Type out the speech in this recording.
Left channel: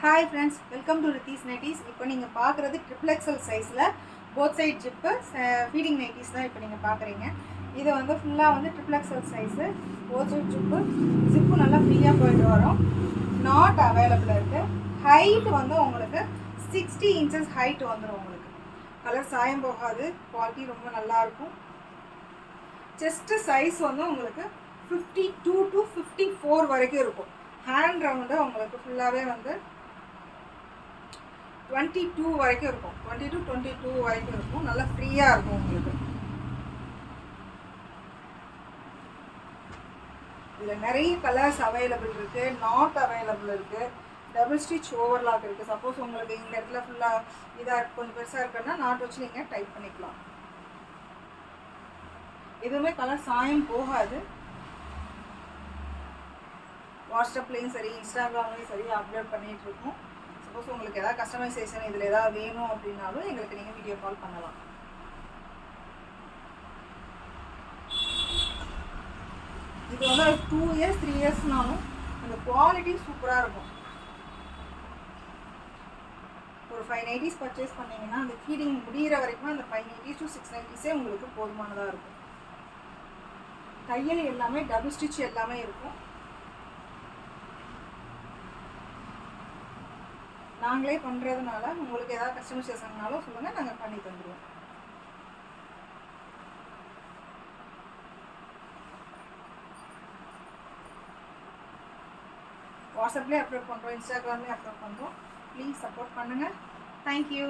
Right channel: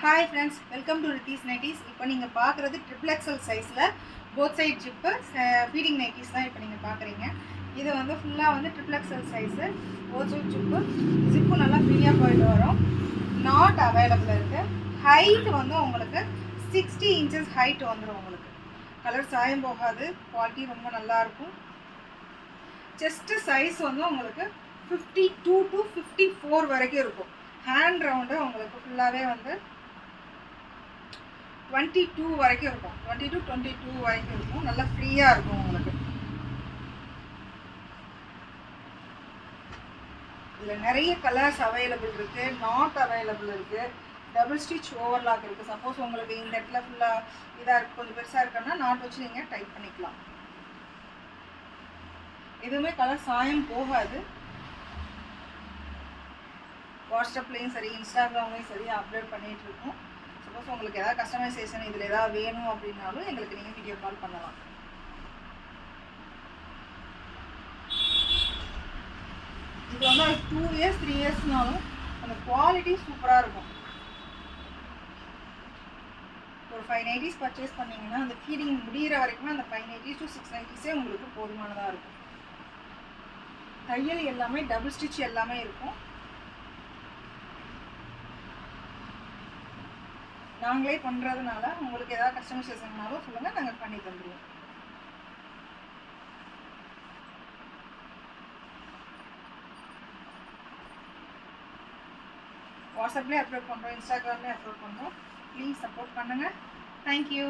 Hi friends, welcome to Rithis Nighties. இப்போ நீங்கள் பார்க்குறது ட்ரிபிள் எக்ஸல் சைஸில் both side zip feeding nighties தான் இப்போ நீங்கள் பார்க்குறீங்க. இது வந்து ஃபுல்லாக வந்து triple XL size both side zip நல்லா ஃப்ரீயாக போயிட்டு வரும். நாட் அவைலபிள் இருக்குது. ஹைட் வந்து உங்களுக்கு 60 inches ஹைட் வந்துடும். உங்களுக்கு கலர் சாயம் போகாது, குவாலிட்டி ரொம்ப நல்லாயிருக்கும். செஸ்ட்டு சைஸ் வந்து உங்களுக்கு 52 to 54 வரைக்கும் இருக்கும். ஹேண்ட் ரவுண்டு உங்களுக்கு ஃபுல்லாகவே வந்து 22 வரைக்கும் இருக்கும். 20 to 22 வரைக்கும் இருக்கும். நல்லா ஃப்ரீயாக இருக்கும் உங்களுக்கு. இதில் நிறைய கலர்ஸ் அவைலபிள் இருக்குது. நாட் அவைலபிள் இருக்குது. டபுள் ஸ்டிச் ஓவர்லாக் இருக்குது. சப்போஸ் உங்களுக்கு இந்த இடத்துல ஃபுல்லாக இதாக கொஞ்சம் பெருசாக இருக்குன்னா நாட் வச்சு நீங்கள் டைப் பண்ணிக்கலாம். எதுவுமே கலர் சாயம் போகாது. வாட்ஸ்அப்லேயும் சரி, இன்ஸ்டாகிராம்லேயும் சரி அப்லோட் பண்ணிகிட்ருக்கோம். சப்போஸ் உங்களுக்கு எதாவது கஸ்டமைசேஷன் இதில் எதாவது வேணும் அப்படின்னாலும் எங்களுக்கு நீங்கள் வீடியோ கால் பண்ணலாம். இது வந்து 2 years 3 yearsனாலும் அந்த குவாலிட்டி சூப்பராக இருக்கும். ஒரு 5 nighties பர்ச்சேஸ் பண்ணிங்கன்னா அந்த ஃபீடிங் முடிகிற வரைக்கும் அந்த 5 nighties to 6 nighties உங்களுக்கு போதுமானதாக இருக்கும். தையல் எல்லாமே டபுள் ஸ்டிச் எல்லாமே இருக்கும். நாங்களே பண்ணுறதுனால உங்களுக்கு ஏதாவது கஸ்டமைசேஷன்னாலும் சொல்லுங்கள், நாங்கள் பண்ணி தந்துடுவோம். வாட்ஸ்அப்லேயே அப்லோட் பண்ணுறோம், இன்ஸ்டாகிராம்லேயே அப்லோட் பண்ணுறோம். ப்ளீஸ் சப்போர்ட் பண்ணுங்கள். தேங்க்யூ.